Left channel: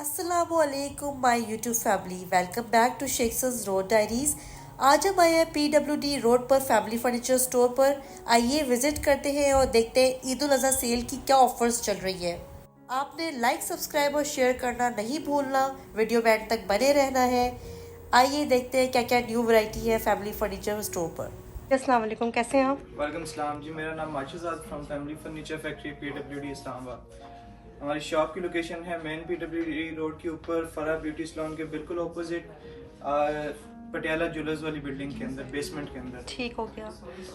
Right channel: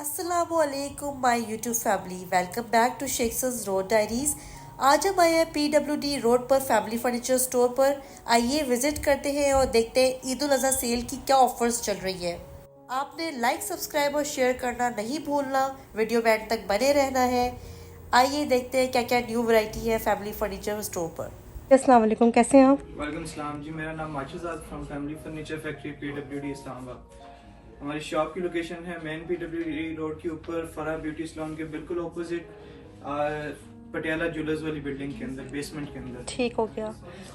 अस्सलामुअलैकुम my YouTube family, welcome back to Sheikh's road diaries. आज हम आए हैं PWD रोड पर फैमिली फर्नीचर स्टोर पर। आइए विजिट करते हैं और देखते हैं ईद उल अज़हा सेल की क्या ऑफर्स चल रही है। आपने लाइक, सब्सक्राइब और शेयर करना नहीं भूलना, वीडियो में एंड तक बने रहना है। आइए देखते हैं क्या क्या न्यू वैरायटी है फैमिली फर्नीचर स्टोर पर। अस्सलाम वालेकुम, कैसे हैं आप? वालेकुम सलाम जी, मेरा नाम माशुज़ाद from family furniture factory PWD Islamabad. हमारी शॉप की लोकेशन है मेन PWD रोड के ऊपर फरा ब्यूटी सैलून के बिल्कुल ऑपोजिट पटियाला ज्वेलर्स वाली बिल्डिंग के अंदर, बेसमेंट के अंदर। ठीक हो गया।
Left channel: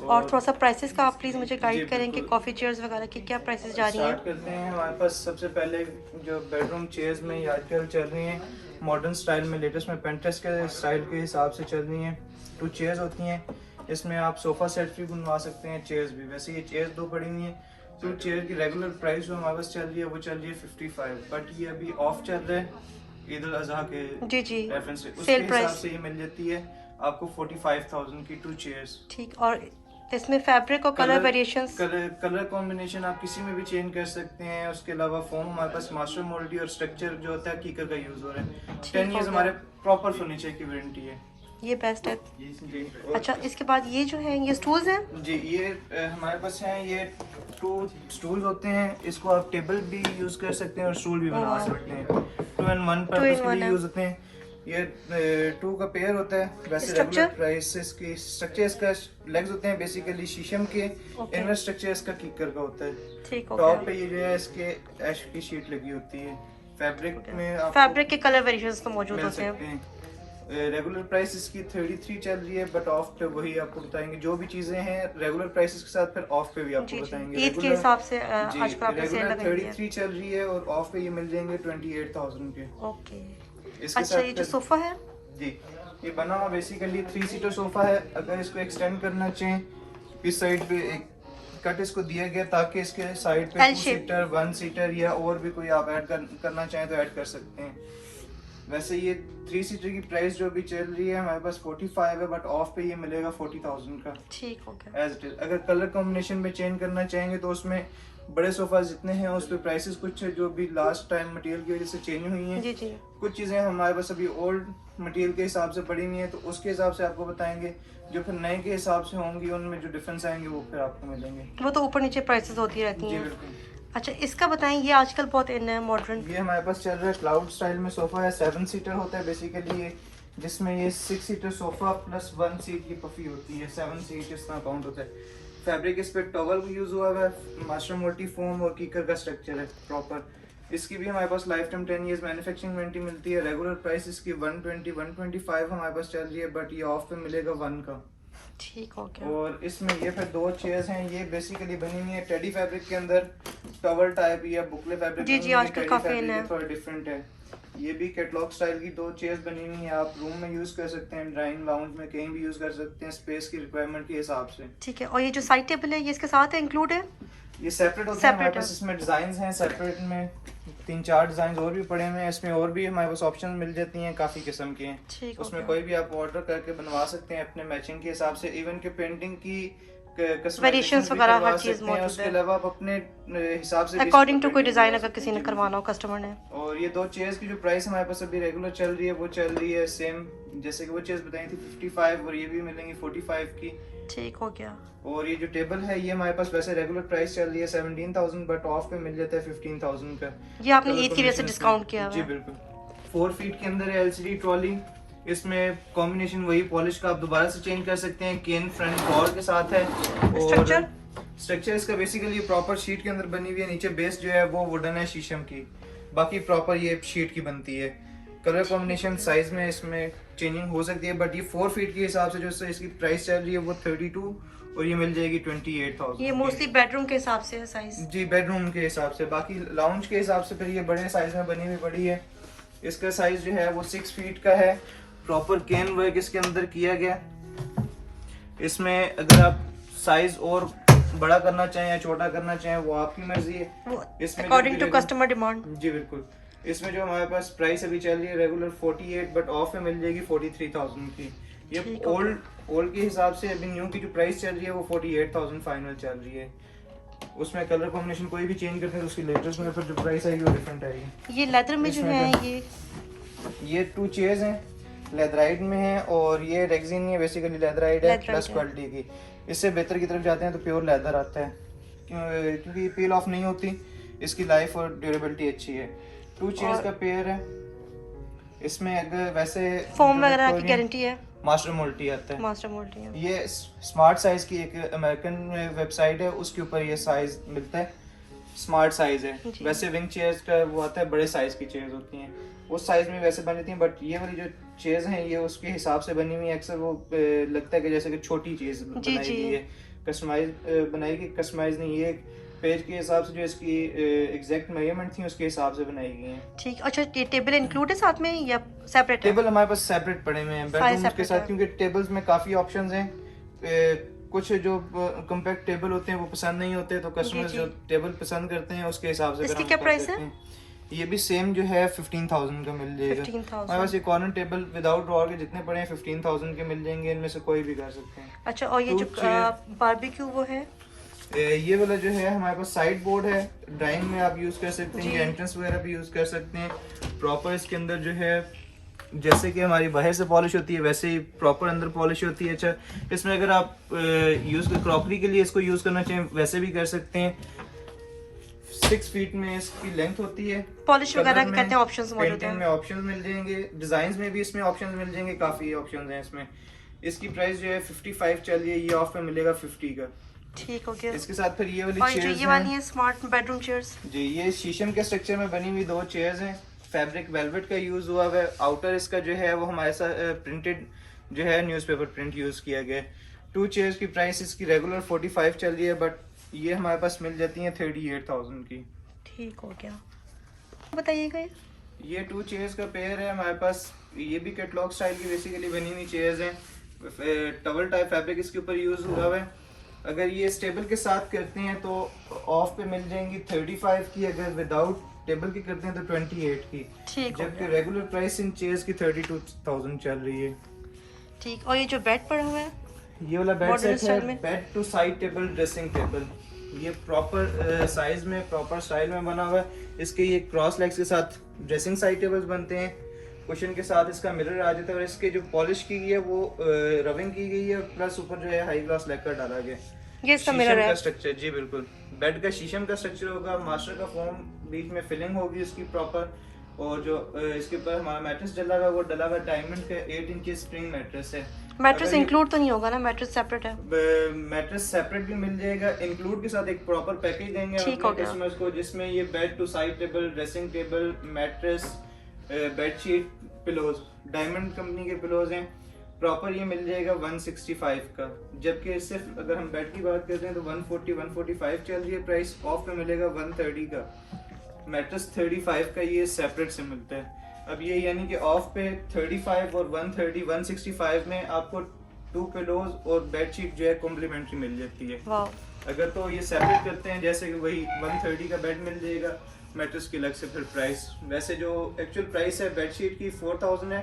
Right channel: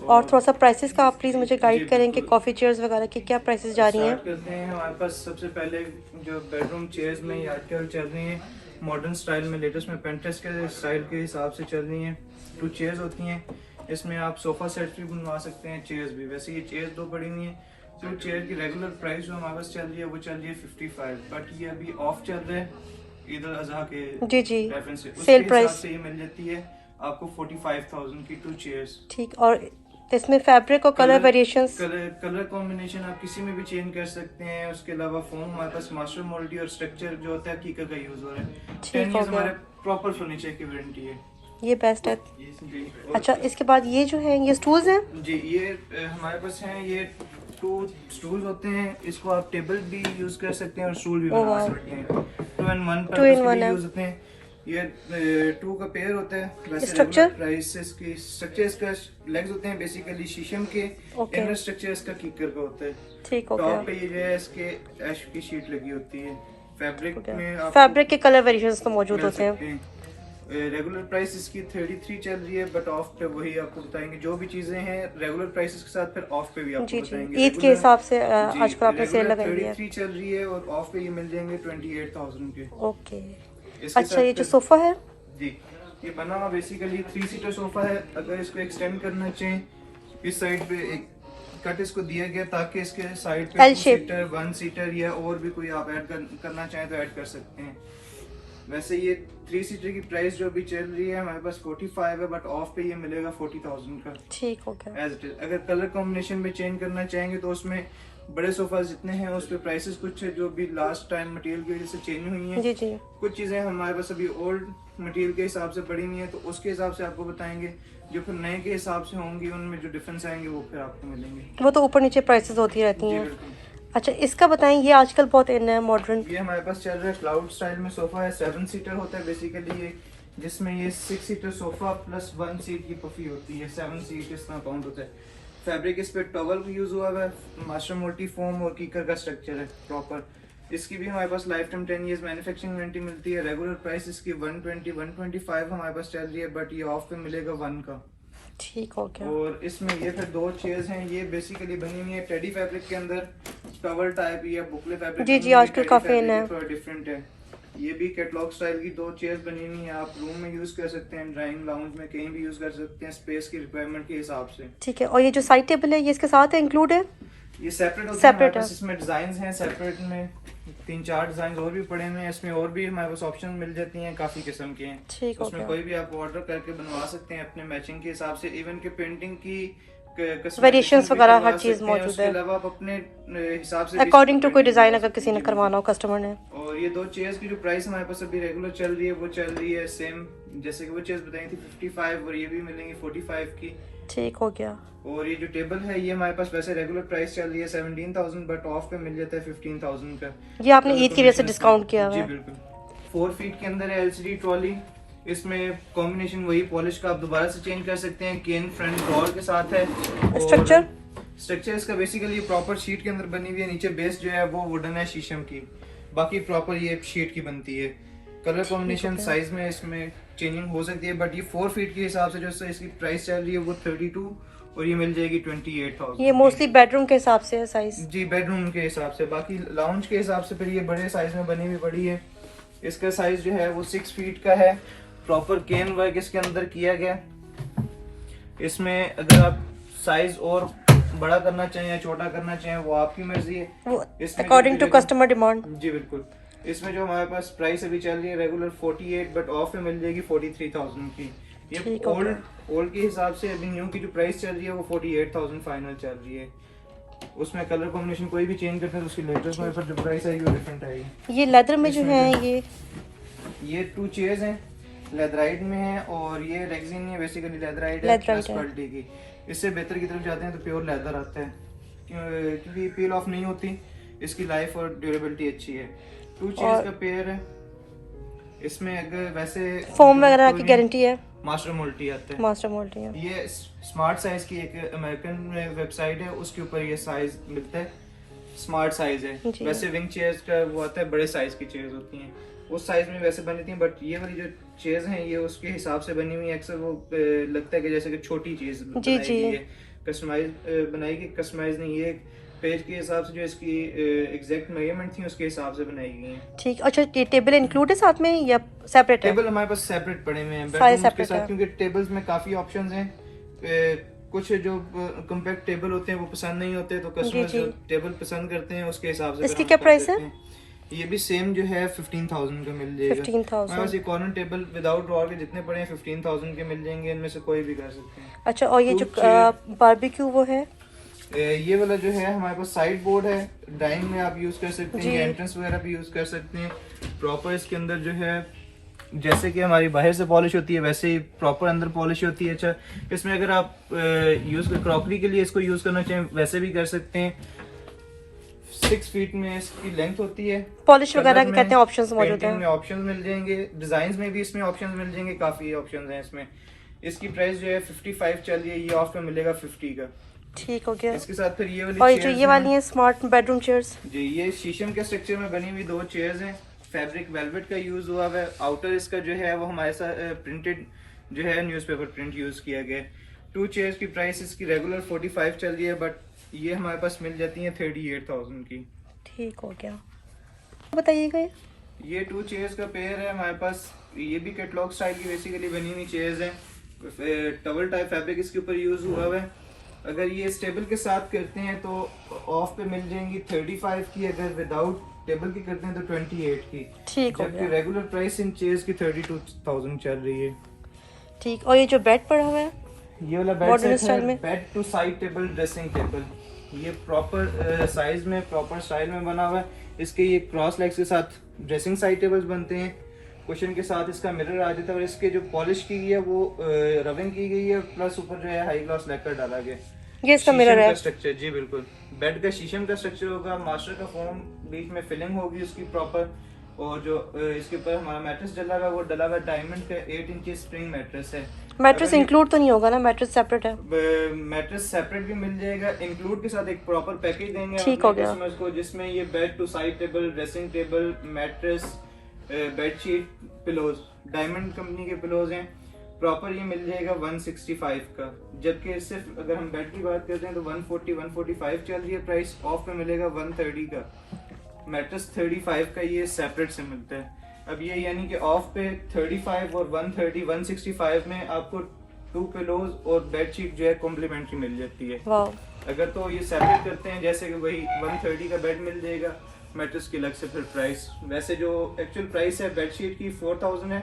और थोड़ा सा प्राइसेस का आप प्लीज़ मुझे गाइड करें कि कॉफ़ी चेयर्स वगैरह की क्या प्राइसेस जा रही हैं। स्टार्ट करते हैं। हमारे पास सबसे पहले जो बेडरूम चेयर्स में ये आजकल चल रही हैं मॉडर्न स्टाइल में, लेटेस्ट में पेंटेस के स्टाइल के हिसाब से चल रही हैं। 2 चेयर्स होती हैं, इसमें आप सोफ़ा सेट भी बनवा सकते हैं, चेयर्स भी। वैसे ये चेयर्स 2 पड़ी हुई हैं। तो चेयर की रेगुलर प्राइस जो हमारे पास चल रही है वो चल रही है 55, बट ये अभी ऑफ चल रहा है ईद उल अज़हा के जी रेफरेंस से। उसके सेल हिसाब प्राइस से ये मिल जाती है आपको 45,000 की 2 चेयर्स। ठीक। और इसमें फैब्रिक और कलर वेरिएशंस? कलर कॉम्बिनेशन आप किसी में भी चेंज कर सकते हैं। उसके अलावा फोम हमारे पास मास्टर मोल्डी और स्ट्रक्चर जो होता है कीकर का यूज हो रहा है। 10 हो इयर्स गया। हमारे प्रॉपर फर्नीचर की वारंटी है। ये बेस्ट है। जी। अच्छा, इसके बाद ये जो है ये स्टूल्स हैं? जी, ये हमारे पास हैं, ये 2 स्टूल होते हैं। इसको आप टेबल भी यूज कर सकते हैं और स्टूल भी बना सकते हैं। 2 in 1 पर्पस के लिए यूज होते हैं। ये 2 का पेयर होता है। वैसे स्ट्रक्चर प्राइस इसकी स्ट्रक्चर इसका लेग्स होते हैं बेसिकली शीशम के। इनर स्ट्रक्चर इसका कीकर का होता है। ठीक हो टॉप गया। पे ये इसके ऐश की शीट लगी होती है। फैब्रिक में फैब्रिक के कलर वेरिएशंस तो मौजूद होते हैं। रेगुलर प्राइस इसकी 33 चल रही है, बट ऑफ पे वही आपको बताएंगे। जो भी चीजें हैं रेगुलर प्राइसेस के साथ फिर ऑफ पे भी आपको बताएंगे। ईद के हिसाब से आजकल आपने सेल लगाई है। 33 चल रही है और ऑफ पे ये मिल जाएंगे 28,000 के। ओके। अच्छा, ये जो सोफा है? जी, ये बना हुआ बेसिकली 3 सीटर सोफा है। अगर इसको एक्सटेंड करना चाहें, इस साइड पे एक कट इसको दिया गया ताकि इसके साइड पे 2 सीटर, 1 सीटर या और भी कोई आप ऐड करना चाहें तो ऐड कर सकते हैं। वैसे ये 3 सीटर की प्राइस जो अभी चल रही है हमारे पास 45 है, बट ऑफ पे ये मिलेगा 40,000 का। ठीक हो गया। As it is. अगर कलर कॉम्बिनेशन में चेंज करना चाहेंगे तो उसमें बड़े सोफा जितने हैं उस पे प्राइसेस कुछ है जो अभी लास्ट टाइम मटेरियल की वजह से चेंज हुई हैं। जी। कुछ चीजें हमारे पास अभी ओल्ड मटेरियल के हिसाब से पड़ी हुई हैं, तो उसके हिसाब से आपको बताएंगे। जो फिर नए के हिसाब से होंगी उनमें जो डिफरेंस आएंगे वो फिर आपको मिलेंगे। वो तो ऊपर नीचे प्राइसेस होती रहती हैं। बिल्कुल। अच्छा, इसका बताएं, ये आजकल बहुत इन है मॉडर्न। ये हमारे पास चल रहा है क्लाउड स्टाइल में सोफा है। 7 सीटर होता है बेसिकली ये, जिसमें ये 6 सीटर सोफा प्लस 1 सीट की पफी होती है। 7 सीट इस तरह काउंट होता है। फैब्रिक इस पे टॉवल भी यूज हुआ है, मास्टर मोल्टी फोम और कीकर का स्ट्रक्चर है प्रॉपर। इसकी भी हमारे पास life time 10 years manufacturing warranty मिलती है। रेगुलर प्राइस इसकी 120 125 हमारे पास चल रही है, बट ये ऑफ पे मिलेगा 1 का। ठीक हो गया। और इसमें ये फिर 2 चेयर्स हैं। ये बेसिकली बनी हुई है टेडी फैब्रिक के अंदर, टॉवल टाइप या बुकले फैब्रिक। जी, आजकल काफी इन है। थोड़ा डिफरेंट है। ये भी कैटलॉग स्टाइल की 2 चेयर्स बनी हुई हैं। आप रूम में यूज कर सकते हैं, ड्राइंग लाउंज में कहीं भी यूज कर सकते हैं, स्पेस की रिक्वायरमेंट के हिसाब से। ठीक है। और ये जो साइड टेबल है ये इसके साथ है, इंक्लूड है? ये सेपरेट होता सेपरेट है। है। इसमें डिजाइन हैं सेपरेट में 3-4 डिजाइन और भी पड़े हुए हैं। इसमें और भी हमारे पास ऑप्शन मिल जाती हैं, काफी किस्म के हैं। ठीक हो उसमें गया। कोई भी आप ऑर्डर करके बनवा सकते हैं अपने मैचिंग के हिसाब से। इवन के पेंटिंग की वेरिएशंस वगैरह हर चीज मौजूद है। उसके अलावा आप अपने हिसाब से अकॉर्डिंग टू कोई डिजाइन अगर किसी ने करवाना हो कस्टमर ने। और ये 2 चेयर्स की जो प्राइस हमारे पास अभी रेगुलर चल रही है वो चल रही है सेम जैसे कि वो चेयर्स बताई थी 55, और ये भी मिलेंगी 45 की। ठीक हो गया। और ये जो टेबल है ये हमारे पास वैसे रेगुलर प्राइस चल रही है 17,000, बट ऑफ पे मिल जाता है 15,000 का। ये आपने ईद की वजह से डिस्काउंट किया हुआ जी है। बिल्कुल। 4 फीट के अंदर है LCD ट्रॉली। इसमें कॉम्बिनेशन वही पॉलिश का आप दोबारा से चेंज कर सकते हैं। केन फ्रंट कॉल के साथ है। स्ट्रक्चर इसका बेसिकली प्रॉपर शीट के अंदर बनी हुई है। नीचे बेस जो है वो वुडन है शीशम की, बाकी प्रॉपर ये शीट की बनती है। कलर कॉम्बिनेशन साइज में इसमें चेंजिंग हो सकती है, बट ये 4 फीट के हिसाब से जो इसकी प्राइस चल रही है वो 32 और ये मिल जाएगी 28,000। ये मोस्टली बेडरूम के हिसाब से है साइज? जी, बेडरूम के हिसाब से। बाकी लाउंज के हिसाब से फिर ये बड़े साइज में बनी हुई पड़ी है। इसका साइज जो है वो 6 फीट का है। प्रॉपर केन वर्क इसके अंदर किया गया। इसमें अगर आप साइज और बड़ा करना चाहें या छोटा करना चाहें वो आपकी मर्जी है, अकॉर्डिंग टू कस्टमर डिमांड। जी बिल्कुल। इसमें जो हमारे पास प्राइस अभी चल रही है रेगुलर 48, बट ऑफ में मिल जाएगी 43,000 की। ये ओल्ड के हिसाब से अभी न्यू की जो प्राइस चल रही है वो 48,000 फाइनल चल रही है। उसमें कलर कॉम्बिनेशन कोई भी चेंज करते हैं तो उसकी लेटेस्ट में जो प्राइस आएगी वो डिफरेंट आएगी। ये लेदर में जो है ये 2 चेयर्स हैं, लेदराइट में है और ये रेक्सिन नहीं है, बेसिकली लेदराइट है प्लस क्वालिटी की। इससे बेहतर की तरफ जाते हैं तो प्योर लेदर आता है क्योंकि पील ऑफ नहीं होती, इसकी लाइफ और ड्यूरेबिलिटी अच्छी है। 2 चेयर्स का पेयर है, इसमें अगर वैसे फोम वगैरह की गारंटी है, मास्टर मोल्टी आता है। मास्टर मोल्टी है। ये स्मार्ट साइज की एक अमेरिकन वेबसाइट है, उसके ऊपर ये साइज मिलता है, स्मार्ट साइज है। वैसे विंग चेयर्स का वो आता है, बड़े साइज की चेयर्स होती हैं, उस साइज में वैसे बनी थी, बट ये वाली जो चेयर्स हैं ये उसके हिसाब से बनी हुई है। अक्सर वो लगता है कि जैसे कि छोटी चीज बनाई गई है, कस्टमाइज बनाई गई, कस्टमाइज नहीं, ये पेज के हिसाब से जो इसकी एग्जैक्ट मेजरमेंट थी उसके हिसाब से बनाई गई है। ठीक, अच्छा ये टेबल इंक्लूड है साथ में या सेपरेट है? टेबल हमारे पास सेपरेट पड़े हुए हैं बेडरूम के साथ, क्योंकि टेबल्स में काफी ऑप्शंस हैं। कुछ जो कॉम्पैक्ट टेबल होते हैं वो पसंद नहीं होते, तो कस्टमर जो टेबल पसंद करते हैं उसके हिसाब से। इसकी क्या प्राइस है? ये भी सेम जो है 15,000 का मिल जाएगा। 15,000। हमारे पास ये कॉर्नर टेबल विदाउट ड्रॉअर के जितने पड़े हैं 15,000 के मिल जाएंगे, इनमें से कोई भी कर सकते हैं। अच्छा, और ये जो बारबेक्यू वो है, ये वाला जो है हमारे पास साइड बोर्ड है, डाइनिंग में आप यूज कर सकते हैं, एंट्रेंस वगैरह भी यूज कर सकते हैं। प्रॉपर इसके अंदर जो है जैसे कि हमारी बाहर से पॉलिश होती है वैसे ही प्रॉपर अंदर पॉलिश होती है। अच्छा, इसमें अगर आप यूज क्रॉकरी के लिए इसको यूज करना चाहें वैसे भी कर सकते हैं। 6 फीट में इसकी लेंथ होती है। पॉलिश वगैरह के कहते हैं ऑप्शंस मौजूद हैं, में ऑप्शंस मिल जाएंगे, डिजाइन में भी इसमें ऑप्शंस मिल जाएंगे, काफी ऑप्शंस हैं इसमें। इसकी प्राइस जो है 55 चल रही है, ये ऑफ में मिलेगा 50 का। ठीक हो गया। इसके साथ फिर ये वाली और जो ये वाली है स्मार्ट बेडरूम चेयर्स जी, ये शीशम के स्ट्रक्चर में बनी हुई 2 चेयर्स हैं, फैब्रिक वेलवेट का यूज हुआ है। आउटर इसका जो है वो हमारे साथ प्रिंटेड जो है न्यूज़पेपर प्रिंट यूज किया गया। 2 चेयर्स की प्राइस इसकी रेगुलर 45 चल रही है, बट ये हमारे पास मिल जाती है 38,000 की। ठीक हो गया। बताइएगा, ये 2 चेयर्स का पेयर है हमारे पास, ये भी कैटलॉग स्टाइल की बेसिकली बनी हुई चेयर्स हैं। टवल टाइप फैब्रिक इसके ऊपर यूज हुआ है। अगर ये स्टेबल के साथ करते हैं तो ऑफ पे मिल जाएंगी 35 की, अगर विदाउट टेबल की करते हैं तो 28 की। ठीक, जबकि रेगुलर प्राइस इन चेयर्स की 32,000 चल रही है। ठीक, और ये जो बेड पड़ा हुआ है ये वाला बेड सेट है, bed two side table dressing table, ये प्रॉपर साइज में प्रॉपर स्टाइल में बना हुआ है। इसके ये क्रॉस लेग्स के साथ ड्रेसिंग साइड टेबल्स बनते हैं, कुशन के साथ इसका मिरर आ जाता है, और इसके जो पॉलिश की गई है वो रबिंग की गई है, प्लस ऊपर जो है हाई ग्लास लेकर डाला गया। ये इसका मिरर है स्ट्रक्चर जी बिल्कुल, बेड का शीशम का स्ट्रक्चर होगा, मास्टर का फोम बीच में फिलिंग होगी उसकी प्रॉपर, और जो इसके ऊपर हमारा मैट्रेस डला हुआ वो डला हुआ डायमंड का 8 इंच स्प्रिंग मैट्रेस है। मैट्रेस इंक्लूड तो नहीं होगा ना? मैट्रेस सेपरेट है? मैट्रेस सेपरेट भी मिल जाएगा, इंक्लूड के साथ एक प्रॉपर पैकेज देंगे। ठीक हो गया। उसको जिसमें ये bed two side table, dressing table, mattress, bedsheet, pillows, diamond company के पिलोज हैं, प्रॉपर ये मिल जाएगा 165 का। जबकि सिर्फ अगर हम बेड की बात करते हैं तो 140-145 चल रही है प्राइस, ऑफ पे मिलेगा 130 का। मैट्रेस 35 का ये सेपरेट से मिलता है। अब ये यानी कि ऑफ पे 35 और 165 में आपको 2 पिलोज और बेडशीट जो है कॉम्प्लीमेंट्री मिल जाती है। अगर तो ये सेपरेट करते हैं जैसे कि वही 130 का बेड मिल जाएगा, मैट्रेस की अलग से फिर प्राइस। वैसे जो एक्चुअल प्राइस है बेडशीट की 4,000 है,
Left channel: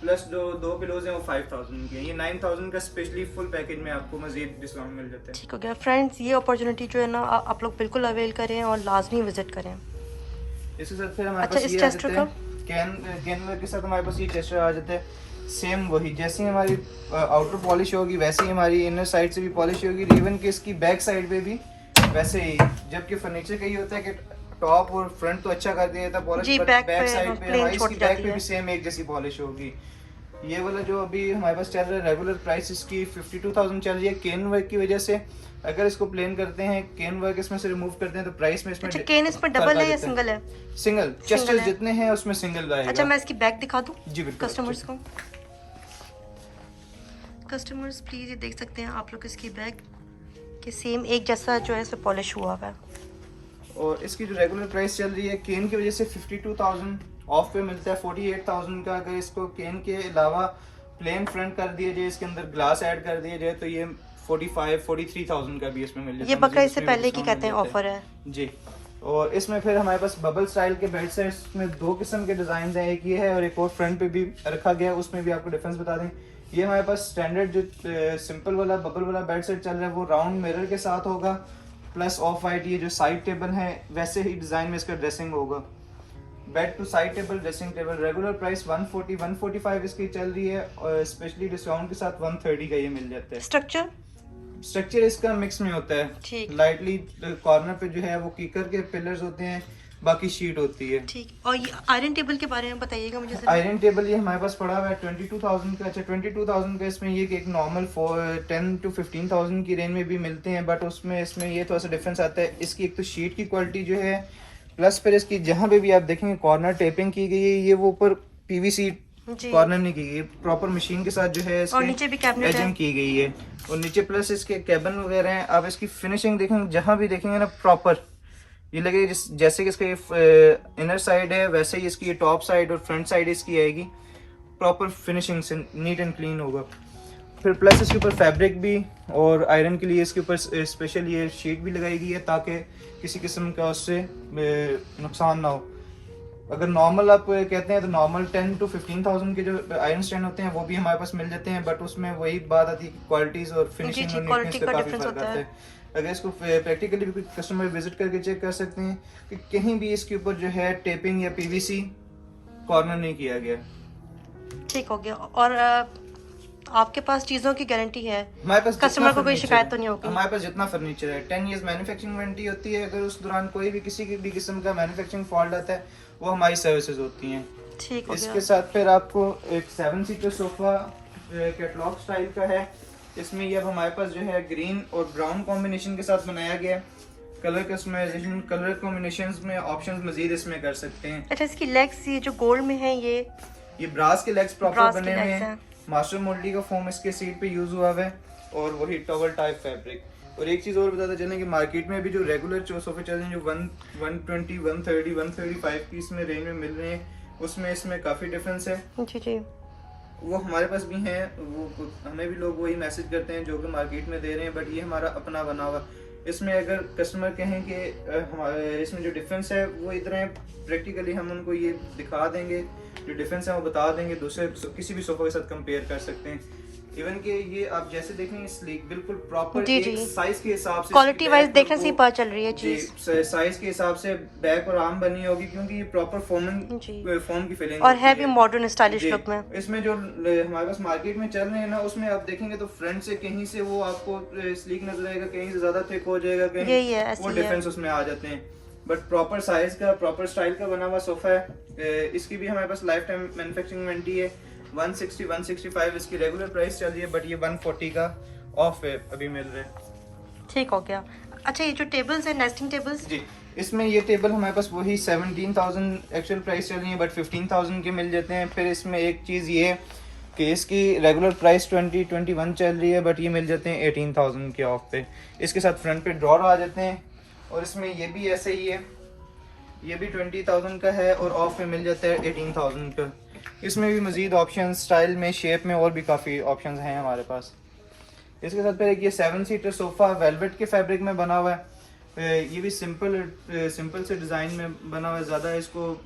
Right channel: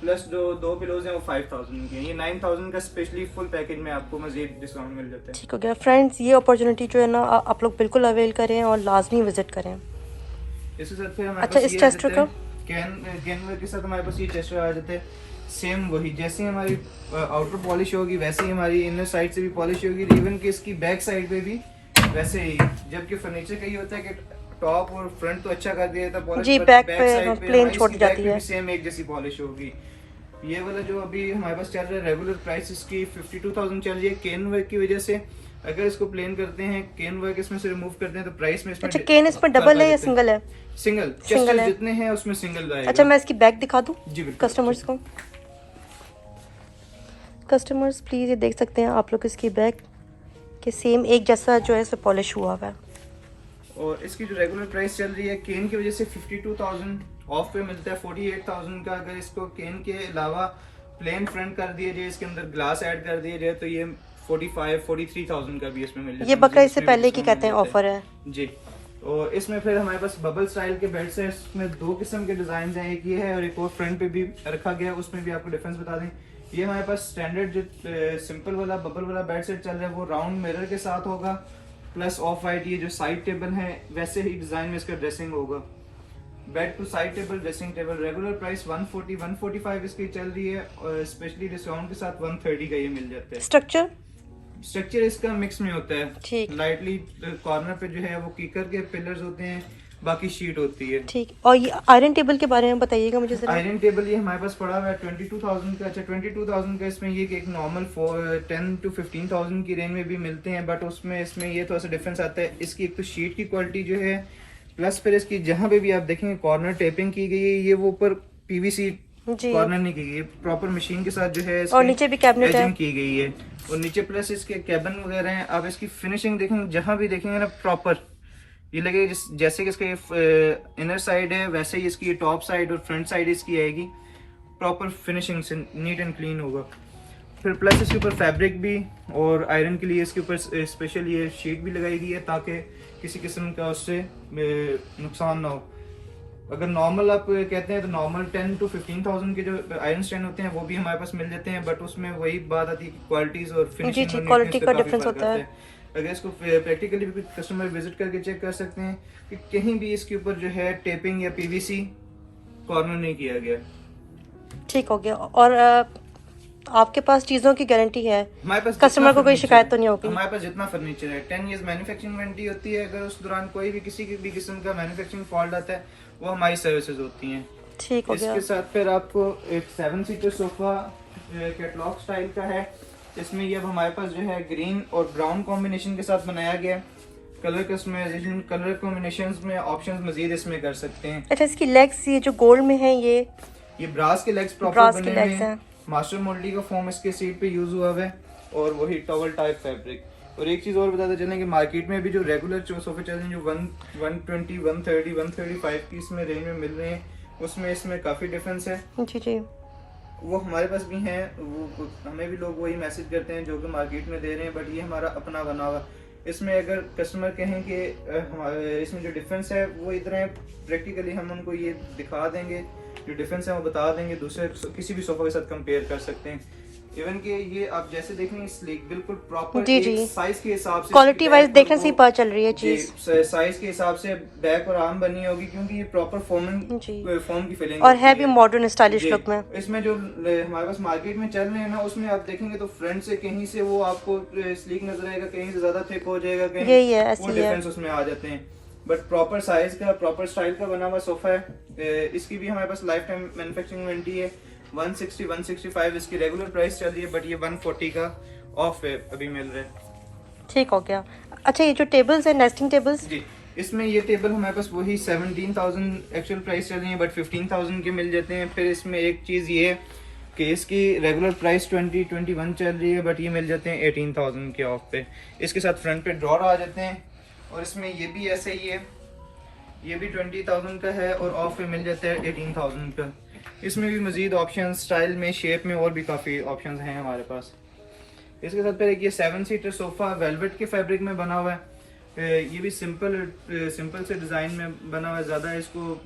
प्लस जो 2 पिलोज हैं वो 5,000 के। ये 9,000 का स्पेशली फुल पैकेज में आपको मजीद डिस्काउंट मिल जाता है। ठीक हो गया फ्रेंड्स, ये अपॉर्चुनिटी जो है ना आप लोग बिल्कुल अवेल करें और लाजमी विजिट करें। इसके साथ फिर हमारे अच्छा, पास इस टेस्टर का कैन के साथ हमारे पास ये टेस्टर आ जाता है, सेम वही जैसे ही हमारी आउटर पॉलिश होगी वैसे ही हमारी इनर साइड से भी पॉलिश होगी, इवन कि इसकी बैक साइड पे भी वैसे ही। जबकि फर्नीचर का ये होता है कि टॉप और फ्रंट तो अच्छा कर दिया था पॉलिश, जी, बैक पे प्लेन छोड़ जाती है, सेम एक जैसी पॉलिश होगी। ये वाला जो अभी हमारे पास चल रहा है रेगुलर प्राइस इसकी 52,000 चल रही है केन वर्क की वजह से। अगर इसको प्लेन करते हैं, केन वर्क इसमें से रिमूव करते हैं तो प्राइस में इसमें अच्छा, केन इसमें डबल है या सिंगल है? सिंगल, चेस्ट जितने हैं उसमें सिंगल आएगा। अच्छा, मैं इसकी बैक दिखा दूं जी बिल्कुल कस्टमर्स को। कस्टमर्स प्लीज ये देख सकते हैं आप लोग इसकी बैक के सेम एक जैसा जो है इस पे पॉलिश हुआ हुआ है। और इसकी जो रेगुलर प्राइस चल रही है केन की वजह से 52,000, ऑफ पे मिलता है 48,000 का। अगर इसको केन के अलावा प्लेन फ्रंट कर दिया जाए, इसके अंदर ग्लास ऐड कर दिया जाए तो ये 43,000 का भी इसमें मिल जाता है। ये बकाया इससे पहले की कहते हैं ऑफर है जी। और इसमें फिर हमारे पास बबल स्टाइल के बेड सेट्स में 2 किस्म के डिजाइन हैं, एक ये है और एक और फ्रंट पे भी रखा गया है, उसमें भी आपको डिफरेंस बता दें। ये हमारे पास स्टैंडर्ड जो सिंपल वाला बबल वाला बेड सेट चल रहा है वो राउंड मिरर के साथ होगा, प्लस ऑफ वाइट ये जो साइड टेबल है वैसे ही डिजाइन में इसका ड्रेसिंग होगा। Bed two side table, dressing table, regular price 140 145 इसकी चल रही है और स्पेशली डिस्काउंट के साथ 130 का ये मिल जाता है। स्ट्रक्चर इसका मिक्स में होता है, लाइटली कॉर्नर पे जो है वो कीकर के पिलर्स होते हैं, बाकी शीट होती है। ठीक। और ये आयरन टेबल के बारे में बताइएगा मुझे जरा। आयरन टेबल ये हमारे पास पड़ा हुआ है 22,000 का। अच्छा 22,000 का इसमें ये कि एक नॉर्मल 10 to 15,000 की रेंज में भी मिलते हैं, बट उसमें इसमें ये थोड़ा सा डिफरेंस आता है। इसकी एक तो शीट की क्वालिटी जो है, प्लस फिर इसकी जहाँ पे भी आप देखेंगे कॉर्नर टेपिंग की गई है, ये वो ऊपर पीवीसी कॉर्नर नहीं की गई है, प्रॉपर मशीन के साथ जो है और नीचे भी कैबिनेट है की गई है, और नीचे प्लस इसके कैबिन वगैरह हैं। आप इसकी फिनिशिंग देखेंगे, जहाँ भी देखेंगे ना प्रॉपर ये लगेगा जैसे कि इसके इनर साइड है वैसे ही इसकी टॉप साइड और फ्रंट साइड इसकी आएगी, प्रॉपर फिनिशिंग से नीट एंड क्लीन होगा। फिर प्लस इसके ऊपर फैब्रिक भी और आयरन के लिए इसके ऊपर स्पेशल ये शीट भी लगाई गई है ताकि किसी किस्म का उससे नुकसान ना हो। अगर नॉर्मल आप कहते हैं तो नॉर्मल 10 to 15,000 के जो आयरन स्टैंड होते हैं वो भी हमारे पास मिल जाते हैं, बट उसमें वही बात आती है कि क्वालिटीज और फिनिशिंग क्वालिटी का डिफरेंस होता है। अगर इसको प्रैक्टिकली भी कस्टमर विजिट करके चेक कर सकते हैं कि कहीं भी इसके ऊपर जो है टेपिंग या पीवीसी कॉर्नर नहीं किया गया। ठीक हो गया। और आपके पास चीजों की गारंटी है, हमारे पास कस्टमर को कोई शिकायत तो नहीं होगी? हमारे पास जितना फर्नीचर है 10 years मैन्युफैक्चरिंग वारंटी होती है। अगर उस दौरान कोई भी किसी भी किस्म का मैन्युफैक्चरिंग फॉल्ट आता है वो हमारी सर्विसेज होती हैं। ठीक हो गया। इसके साथ फिर आपको एक 7 सीटर सोफा कैटलॉग स्टाइल का है। इसमें ये अब हमारे पास जो है ग्रीन और ब्राउन कॉम्बिनेशन के साथ बनाया गया है। कलर कस्टमाइजेशन, कलर कॉम्बिनेशंस में ऑप्शंस मजीद इसमें कर सकते हैं। अच्छा, इसकी लेग्स ये जो गोल्ड में है ये ब्रास के लेग्स प्रॉपर बने हुए हैं। मास्टर मोल्डी का फोम इसके सीट पे यूज हुआ है और वही टॉवल टाइप फैब्रिक। और एक चीज और बताते चलें कि मार्केट में भी जो रेगुलर सोफे चल रहे हैं जो 120 130 135 की इसमें रेंज में मिल रहे हैं, उसमें इसमें काफी डिफरेंस है। जी वो हमारे पास भी हैं, वो हमें भी लोग वही मैसेज करते हैं जो कि मार्केट में दे रहे हैं, बट ये हमारा अपना बना हुआ। इसमें अगर कस्टमर कहें कि हमारे इसमें जो डिफरेंस है वो इधर है, प्रैक्टिकली हम उनको ये दिखा देंगे, जो डिफरेंस है वो बता देंगे, दूसरे किसी भी सोफा के साथ कंपेयर कर सकते हैं। इवन कि ये आप जैसे देखेंगे स्लीक बिल्कुल प्रॉपर साइज के हिसाब से, क्वालिटी वाइज देखने से पता चल रही है चीज, साइज के हिसाब से बैक और आर्म बनी होगी क्योंकि ये प्रॉपर फोम की फिलिंग और है भी मॉडर्न स्टाइलिश लुक में। इसमें जो हमारे पास मार्केट में चल रहे हैं ना, उसमें आप देखेंगे तो फ्रंट से कहीं से वो आपको स्लीक नजर आएगा, कहीं से ज्यादा थिक हो जाएगा, कहीं वो डिफरेंस उसमें आ जाते हैं। बट प्रॉपर साइज का, प्रॉपर स्टाइल का बना हुआ सोफा है। इसकी भी हमारे पास लाइफ टाइम मैन्युफैक्चरिंग वारंटी है। 160 165 इसकी रेगुलर प्राइस चल रही है, बट ये 140 का ऑफ है अभी मिल रहा है। ठीक हो गया। अच्छा, ये जो टेबल्स है नेस्टिंग टेबल्स, जी इसमें ये टेबल हमारे पास वही 17,000 एक्चुअल प्राइस चल रही है, बट 15,000 के मिल जाते हैं। फिर इसमें एक चीज़ ये है कि इसकी रेगुलर प्राइस 20-21 चल रही है, बट ये मिल जाते हैं 18,000 के ऑफ पे। इसके साथ फ्रंट पे ड्रॉर आ जाते हैं, और इसमें ये भी ऐसे ही है, ये भी 20,000 का है और ऑफ पे मिल जाता है 18,000 का। इसमें भी मजीद ऑप्शन स्टाइल में, शेप में और भी काफ़ी ऑप्शंस हैं हमारे पास। इसके साथ फिर एक ये 7 सीटर सोफ़ा वेलवेट के फैब्रिक में बना हुआ है। ये भी सिंपल से डिज़ाइन में बना हुआ है, ज़्यादा इसको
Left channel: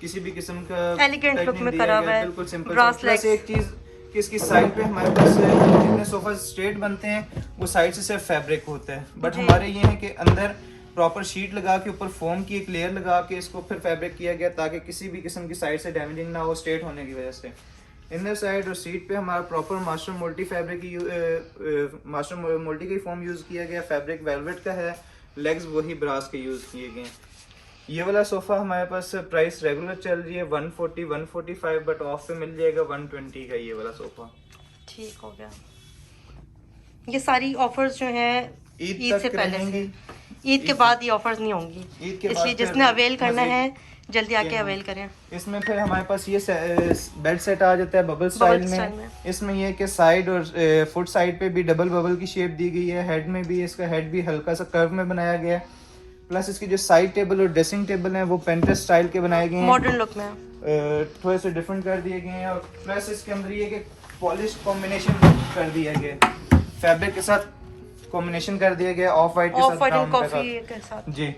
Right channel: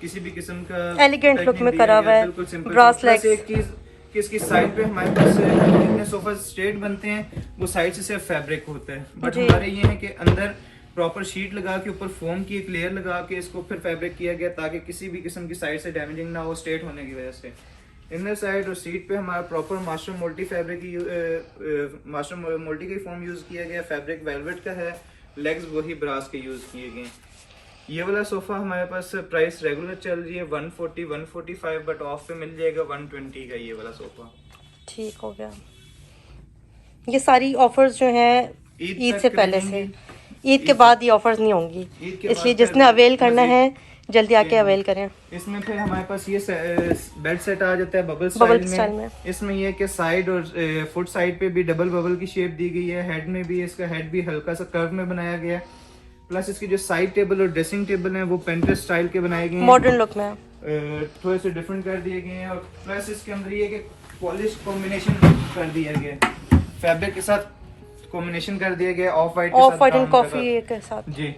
किसी भी किस्म का एलिगेंट लुक में करा हुआ है, बिल्कुल सिंपल। एक चीज़ कि इसकी साइड पे हमारे पास जितने सोफा स्ट्रेट बनते हैं वो साइड से सिर्फ फैब्रिक होता है, बट हमारे ये है कि अंदर प्रॉपर शीट लगा के ऊपर फोम की एक लेयर लगा के इसको फिर फैब्रिक किया गया ताकि किसी भी किस्म की साइड से डैमेजिंग ना हो स्ट्रेट होने की वजह से। इनर साइड और सीट पे हमारा प्रॉपर मास्टर मोल्टी फैब्रिक मास्टर मोल्टी का फॉर्म यूज किया गया, फैब्रिक वेलवेट का है, लेग्स वही ब्रास के यूज किए गए। ये वाला सोफा हमारे पास प्राइस रेगुलर चल रही है 140 145, बट ऑफ पे मिल जाएगा 120 का ये वाला सोफा। ठीक हो गया। ये सारी ऑफर्स जो हैं ईद से पहले से, ईद के बाद ये ऑफर्स नहीं होंगी, इसलिए जिसने अवेल करना है जल्दी आके अवेल करें। इसमें फिर हमारे पास ये बेड सेट आ जाता है बबल स्टाइल में। इसमें ये कि साइड और फुट साइड पे भी डबल बबल की शेप दी गई है, हेड में भी इसका हेड भी हल्का सा कर्व में बनाया गया है। प्लस इसकी जो साइड टेबल और ड्रेसिंग टेबल है वो पेंट्रेस्ट स्टाइल के बनाए गए हैं, मॉडर्न लुक में थोड़े से डिफरेंट कर दिए गए हैं। और प्लस इसके अंदर ये कि पॉलिश कॉम्बिनेशन कर दिया गया, फैब्रिक के साथ कॉम्बिनेशन कर दिया गया, ऑफ वाइट एंड कॉफी के साथ जी।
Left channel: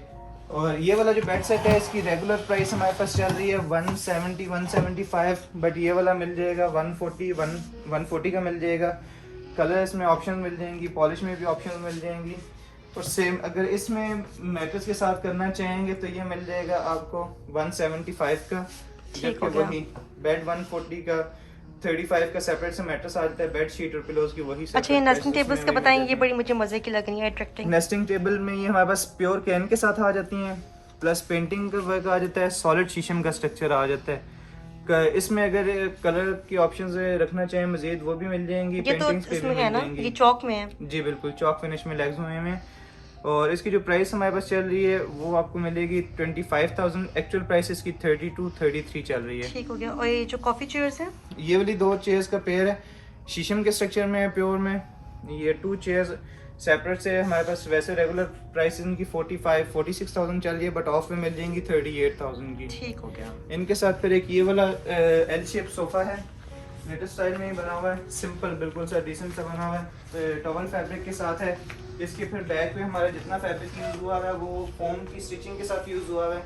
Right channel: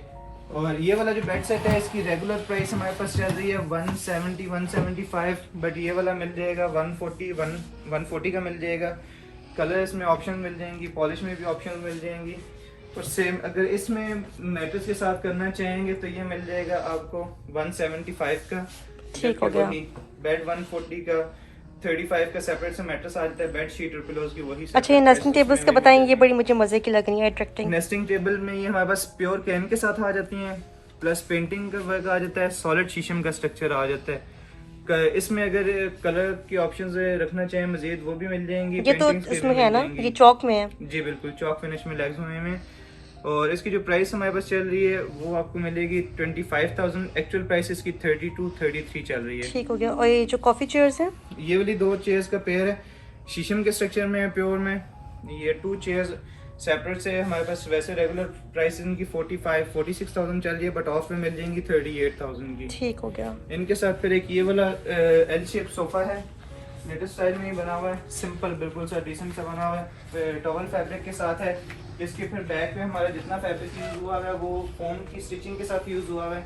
और ये वाला जो बेड सेट है इसकी रेगुलर प्राइस हमारे पास चल रही है 170 175, बट ये वाला मिल जाएगा 140 का मिल जाएगा। कलर इसमें ऑप्शन मिल जाएंगी, पॉलिश में भी ऑप्शन मिल जाएंगी। और सेम अगर इसमें मैट्रेस के साथ करना चाहेंगे तो ये मिल जाएगा आपको 175 का। ठीक हो गया। बेड 140 का, 35 का सेपरेट से मैट्रेस आ जाता है, बेड शीट और पिलोज की वही। अच्छा, ये नेस्टिंग टेबल्स का बताएं, ये बड़ी मुझे मजे की लग रही है, अट्रैक्टिंग। नेस्टिंग टेबल में ये हमारे पास प्योर कैन के साथ आ जाती हैं, प्लस पेंटिंग का वर्क आ जाता है, सॉलिड शीशम का स्ट्रक्चर आ जाता है। इसमें अगर कलर की ऑप्शंस रखना चाहें मजीद वो भी मिल जाएंगी। ये तो इसमें है ना, ये चौक में है जी बिल्कुल, चौक फिनिश में लेग्स में। और इसकी जो प्राइस हमारे पास चल रही है वो आपको मिलेगी 25,000। एक्चुअल प्राइस इसकी 32-33 चल रही है। ठीक हो गया। और ये जो कॉफी चेयर्स हैं, ये वाली 2 चेयर्स का पेयर है, शीशम के स्ट्रक्चर में है, प्योर में। ये 2 चेयर्स सेपरेट से हमारे पास वैसे रेगुलर प्राइस इनकी 46,000 चल रही है, बट ऑफ में मिल जाएंगी 38,000 की। ठीक हो गया। इनके साथ फिर एक ये वाला एल शेप सोफा है, लेटेस्ट स्टाइल में ही बना हुआ है, सिंपल बिल्कुल सा डिसेंट सा बना हुआ है, टॉवल फैब्रिक के साथ है। इसके फिर बैक पे हमारा जितना फैब्रिक यूज हुआ है वो फोम की स्टिचिंग के साथ यूज हुआ है।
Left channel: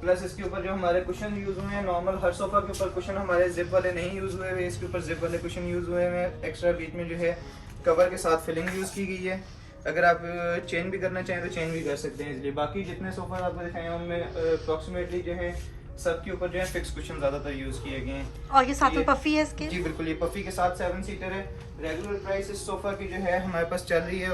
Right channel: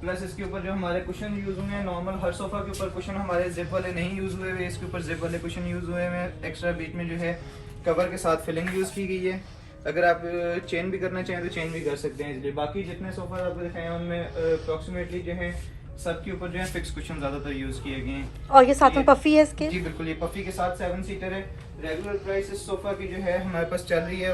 प्लस इसके ऊपर जो हमारे कुशन यूज हुए हैं, नॉर्मल हर सोफा के ऊपर कुशन हमारे जिप वाले नहीं यूज हुए हुए, इसके ऊपर जिप वाले कुशन यूज हुए हैं। एक्स्ट्रा बीच में जो है कवर के साथ फिलिंग यूज की गई है। अगर आप चेन भी करना चाहें तो चेन भी कर सकते हैं इसलिए। बाकी जितने सोफा आपको दिखाए उनमें अप्रोक्सीमेटली जो है सबके ऊपर जो है फिक्स कुशन ज्यादातर यूज किए गए हैं। और ये साथ में पफी है इसके? जी बिल्कुल, ये पफी के साथ 7 सीटर है। रेगुलर प्राइस इस सोफा की जो है हमारे पास चल रही है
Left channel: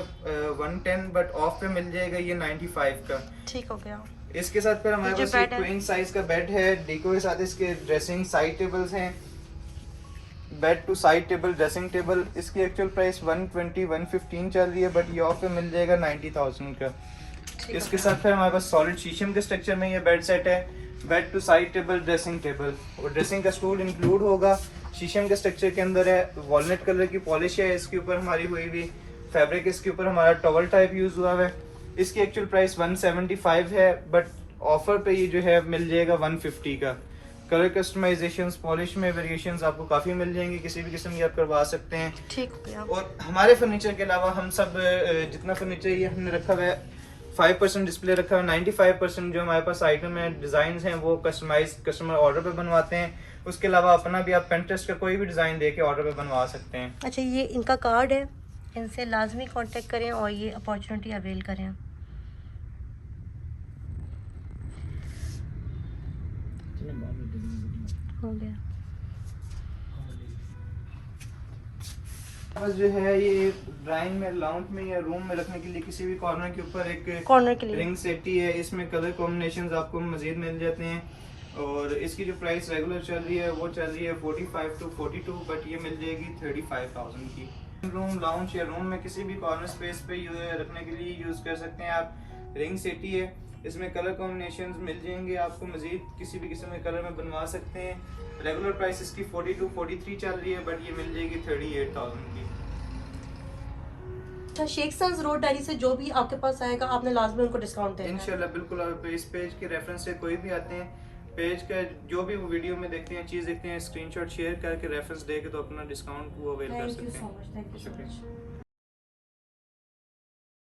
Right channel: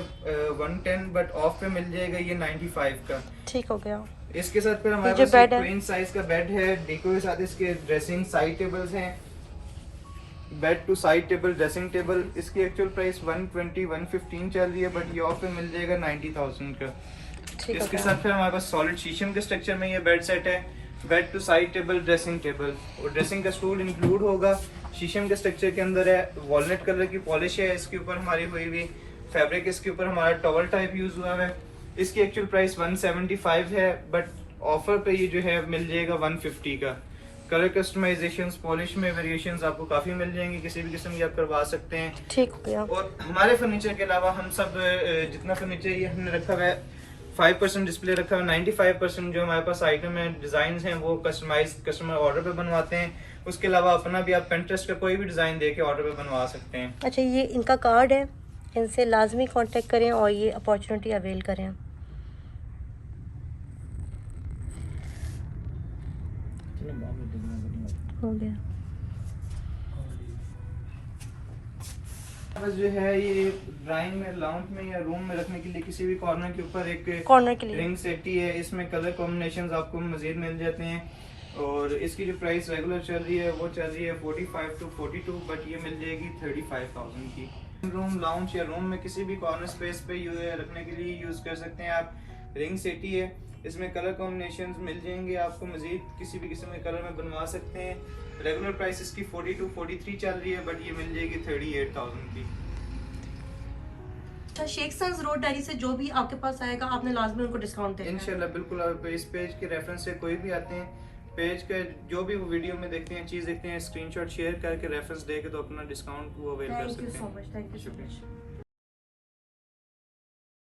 110, बट ऑफ पे मिल जाएगा ये 95 का। ठीक हो गया। इसके साथ फिर हमारे पास ट्विन साइज का बेड है, डेको के साथ इसके ड्रेसिंग साइड टेबल्स हैं, bed two side table, dressing table. इसकी एक्चुअल प्राइस 120-115 चल रही है, बट ये ऑफ पे मिल जाएगा 90,000 का। इसके साथ फिर हमारे पास सॉलिड शीशम के स्ट्रक्चर में ये बेड सेट है, bed two side table, dressing table और ड्रेसिंग का स्टूल इंक्लूड होगा। शीशम के स्ट्रक्चर के अंदर है, वॉलनट कलर की पॉलिश है इसके ऊपर हमारी हुई हुई, फैब्रिक इसके ऊपर हमारा टॉवल टाइप यूज हुआ है। इसकी एक्चुअल प्राइस 175 है, बट ऑफर पे ये जो है मिल जाएगा 150 का। कलर कस्टमाइजेशन, पॉलिश में वेरिएशंस आपको काफी मिल जाएंगे, किसी भी किस्म की आप करवा सकते हैं। ठीक हो गया। और हमारे फर्नीचर के अलावा हम सब जितना फर्नीचर ये हमने रखा हुआ है 5% डिस्प्ले रखा है, 95% जो हमारे पास आइटम है, डिजाइन हैं वो कस्टमाइज कस्टमर ऑर्डर पे बनवाते हैं। उसके अलावा अपना भी आप Pinterest पे कोई भी डिजाइन दे के ऑर्डर पे बनवा सकते हैं। अच्छा, ये इनका कार्ड है, इनसे लाजमी कांटेक्ट करें और ये अपॉर्चुनिटी अवेल करें। हो गया। बस जो है ये ड्राइंग में, लाउंज में या रूम में रखने के लिए किसी भी कॉर्नर के ऊपर एक कॉर्नर के लिए रिंग सेटी है। इसमें कलर कॉम्बिनेशंस आपको मजीद मिल जाते हैं। और इसकी जो प्राइस रेगुलर चल रही है वो चल रही है 45-42, बट ये मिल जाएगी 35,000 की। रूम, लाउंज या रूम में किसी भी कॉर्नर स्पेस पे रखने के लिए यूज कर सकते हैं आप। रिंग सेटी है, इसमें कलर कॉम्बिनेशंस मिल जाएंगे आपको, मजीद किसी भी किस्म के कलर में बनवा सकते हैं। रेगुलर प्राइस इसकी 42-43 चल रही है, बट ये मिल जाएगी 38,000 की। अच्छा, शेख सन्स रोड डायरी से जो भी आपके पास आएगा आपने लाजमी उनको डिस्काउंट देना है? इंशाल्लाह बिल्कुल। आप इस पेज के रेफरेंस से कोई भी आते हैं, पेज का जो भी वो वीडियो में देखते हैं, चीज़ देखते हैं, स्क्रीनशॉट शेयर करके रेफरेंस दे के तो अपना डिस्काउंट वो अवेल कर सकते हैं। Thank you so much. शुक्रिया।